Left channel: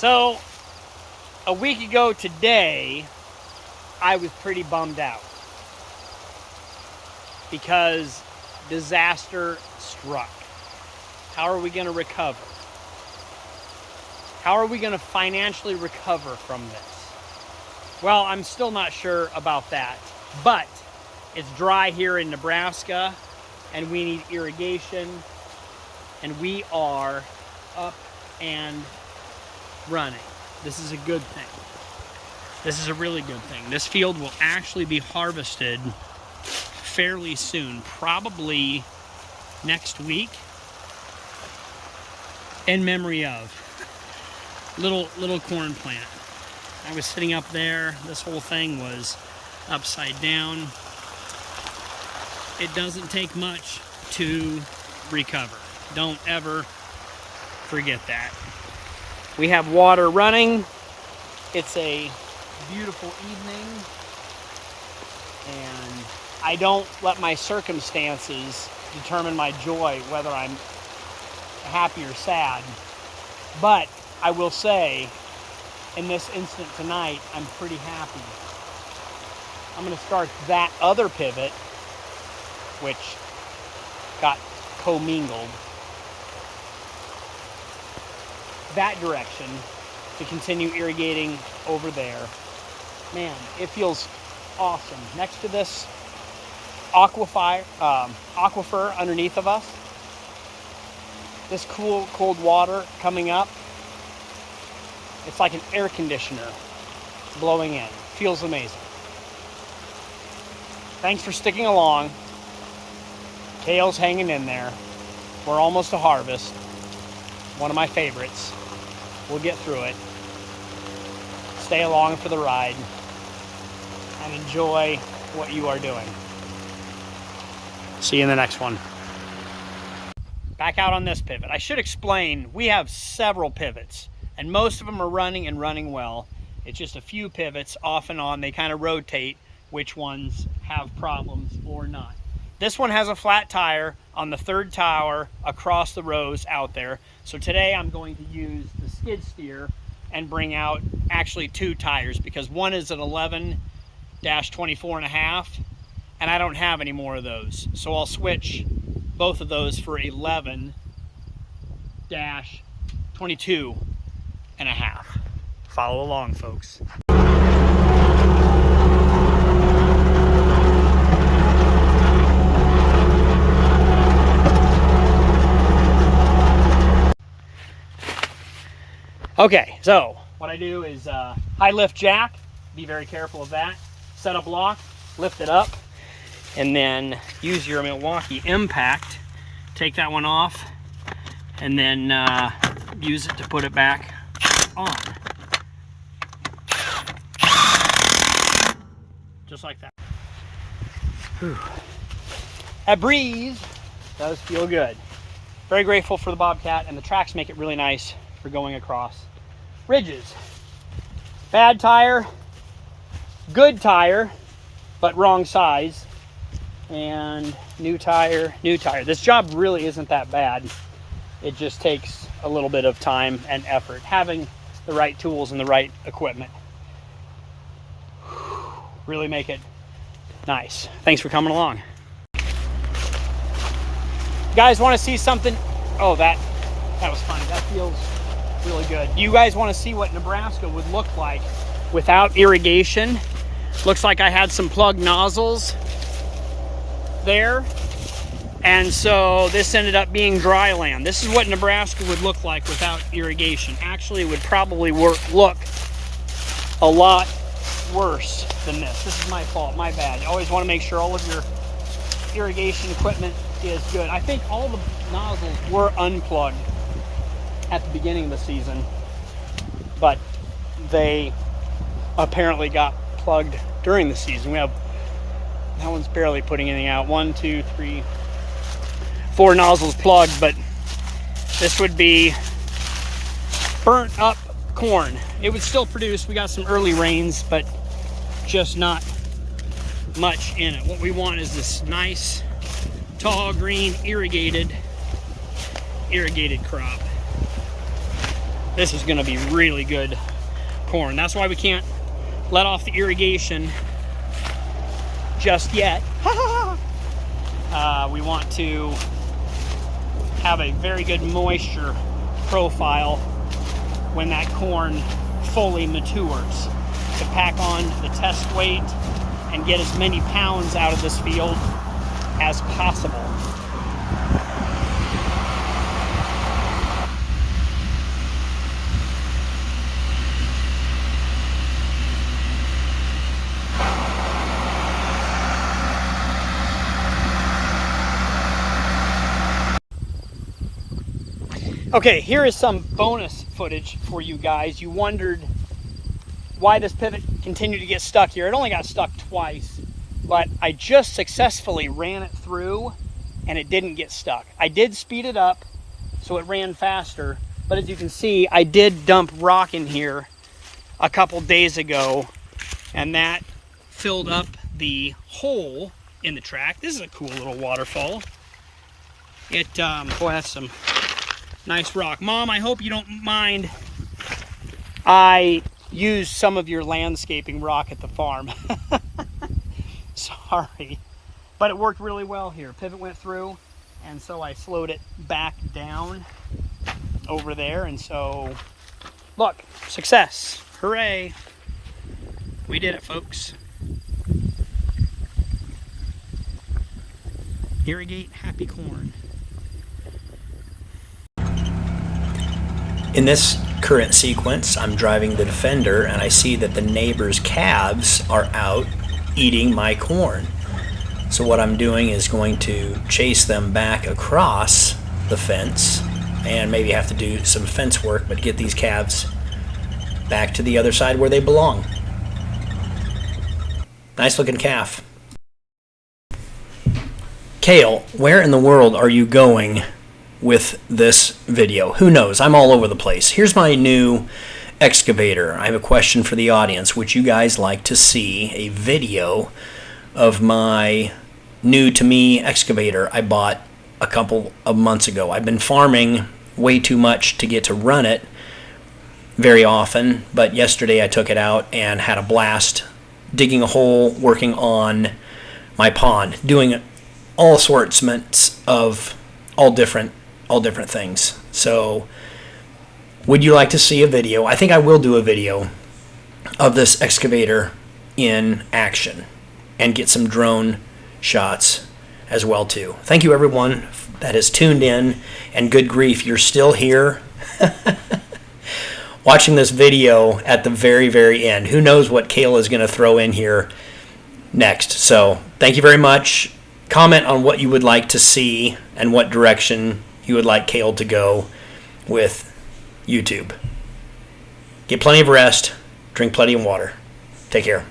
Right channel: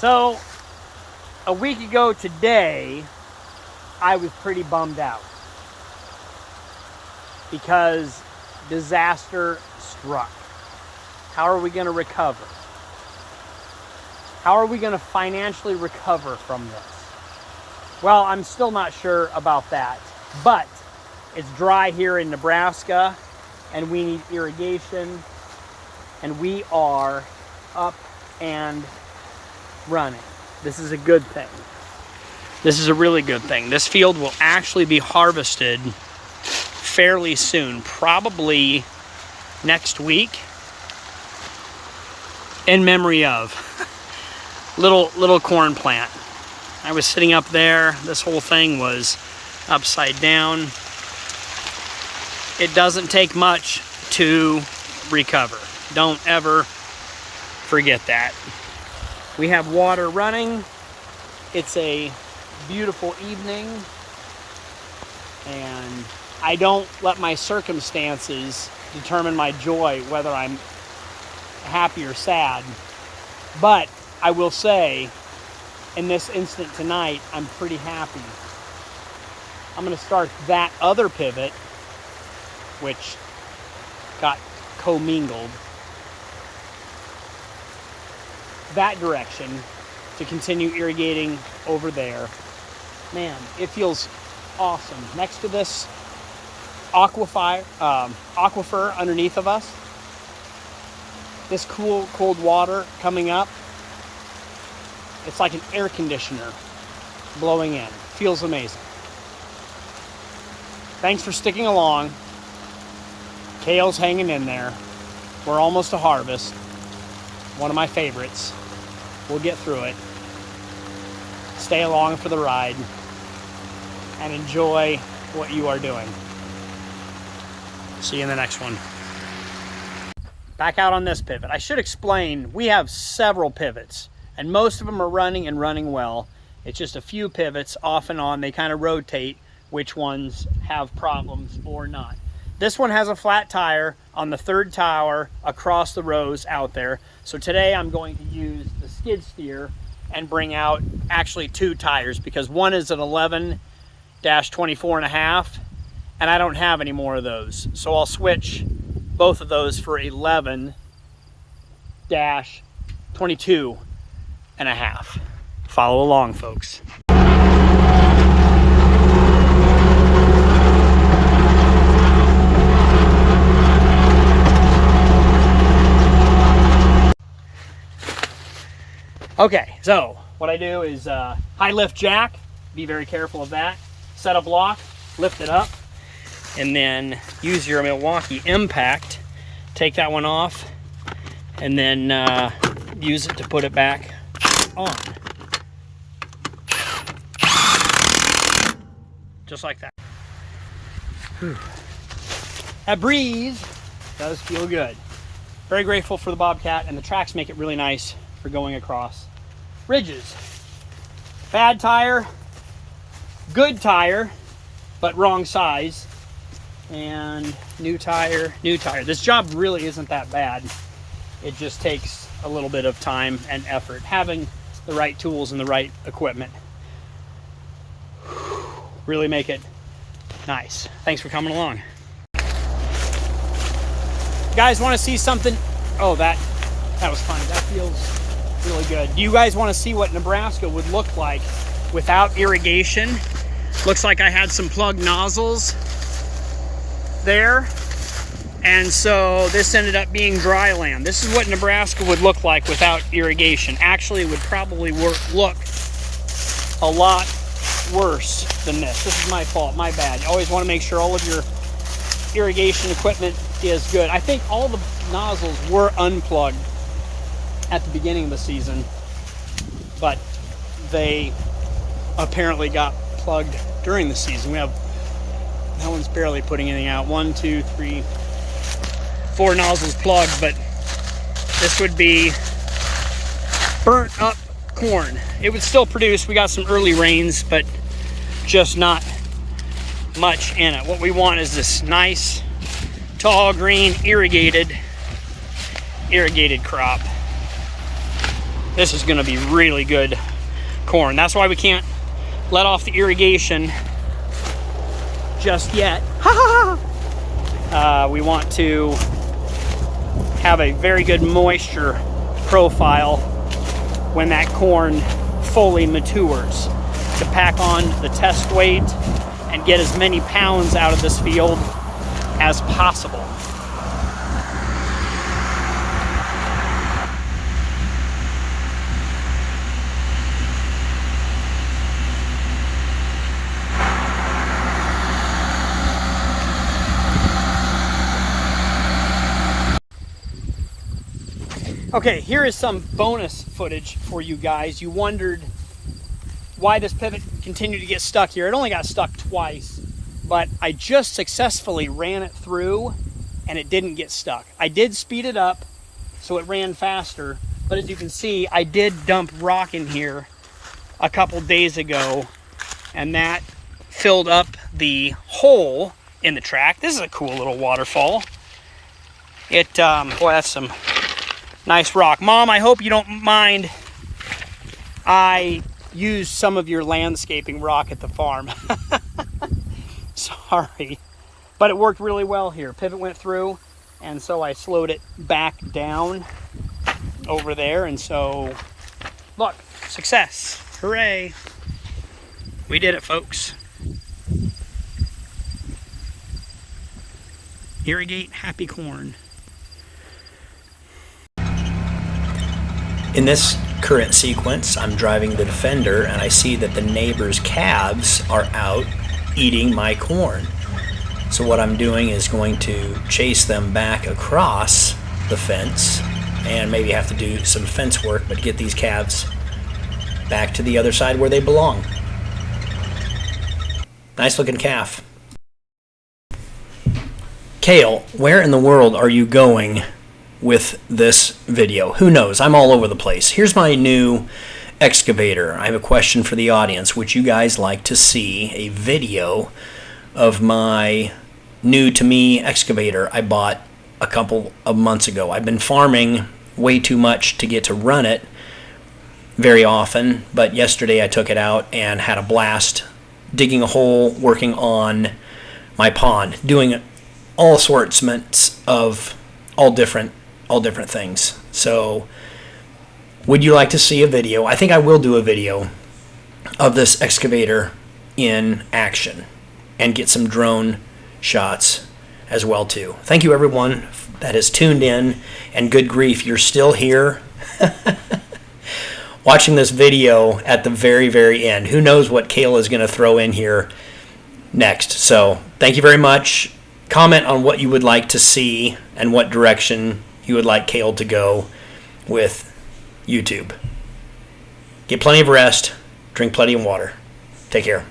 So, a week ago today, I was pretty bummed out because disaster struck. How are we going to recover? How are we going to financially recover from this? Well, I'm still not sure about that, but it's dry here in Nebraska and we need irrigation, and we are up and running. This is a good thing. This is a really good thing. This field will actually be harvested fairly soon, probably next week, in memory of little corn plant. I was sitting up there. This whole thing was upside down. It doesn't take much to recover. Don't ever forget that. We have water running. It's a beautiful evening, and I don't let my circumstances determine my joy, whether I'm happy or sad. But I will say, in this instant tonight, I'm pretty happy. I'm going to start that other pivot, which got commingled, that direction, to continue irrigating over there. Man, it feels awesome. Next to this aquifer underneath of us, this cool, cold water coming up, it's like an air conditioner blowing in. Feels amazing. Thanks for sticking along. Kale's hanging in there. We're almost to harvest. One of my favorites. We'll get through it. Stay along for the ride and enjoy what you are doing. See you in the next one. Back out on this pivot. I should explain, we have several pivots, and most of them are running and running well. It's just a few pivots off and on. They kind of rotate which ones have problems or not. This one has a flat tire on the third tower across the rows out there. So today I'm going to use the skid steer and bring out actually two tires, because one is an 11-24.5 and I don't have any more of those. So I'll switch both of those for 11-22.5. Follow along, folks. Okay, so what I do is high lift jack, be very careful of that, set a block, lift it up, and then use your Milwaukee impact, take that one off, and then use it to put it back on. Just like that. Whew. That breeze does feel good. Very grateful for the Bobcat, and the tracks make it really nice for going across ridges. Bad tire, good tire, but wrong size, and new tire, new tire. This job really isn't that bad. It just takes a little bit of time and effort, having the right tools and the right equipment. Really make it nice. Thanks for coming along. You guys want to see something? Oh, that was fun. That feels really good. Do you guys want to see what Nebraska would look like without irrigation? Looks like I had some plugged nozzles there, and so this ended up being dry land. This is what Nebraska would look like without irrigation. Actually, it would probably look a lot worse than this. This is my fault, my bad. You always want to make sure all of your irrigation equipment is good. I think all the nozzles were unplugged at the beginning of the season, but they apparently got plugged during the season. We have, that one's barely putting anything out. 1, 2, 3, 4 nozzles plugged, but this would be burnt up corn. It would still produce. We got some early rains, but just not much in it. What we want is this nice, tall, green, irrigated crop. This is gonna be really good corn. That's why we can't let off the irrigation just yet. We want to have a very good moisture profile when that corn fully matures, to pack on the test weight and get as many pounds out of this field as possible. Okay, here is some bonus footage for you guys. You wondered why this pivot continued to get stuck here. It only got stuck twice, but I just successfully ran it through and it didn't get stuck. I did speed it up so it ran faster, but as you can see, I did dump rock in here a couple days ago, and that filled up the hole in the track. This is a cool little waterfall. It, boy, that's some nice rock. Mom, I hope you don't mind I used some of your landscaping rock at the farm. Sorry. But it worked really well here. Pivot went through, and so I slowed it back down over there, and so, look, success. Hooray. We did it, folks. Irrigate happy corn. In this current sequence, I'm driving the Defender and I see that the neighbor's calves are out eating my corn. So what I'm doing is going to chase them back across the fence and maybe have to do some fence work, but get these calves back to the other side where they belong. Nice looking calf. Kale, where in the world are you going with this video? Who knows? I'm all over the place. Here's my new excavator. I have a question for the audience. Would you guys like to see a video of my new to me excavator I bought a couple of months ago? I've been farming way too much to get to run it very often, but yesterday I took it out and had a blast digging a hole, working on my pond, doing all sorts of all different things. So would you like to see a video? I think I will do a video of this excavator in action and get some drone shots as well too. Thank you everyone that has tuned in, and good grief, you're still here watching this video at the very, very end. Who knows what Kale is going to throw in here next. So thank you very much. Comment on what you would like to see and what direction you would like Kale to go with YouTube. Get plenty of rest, drink plenty of water. Take care.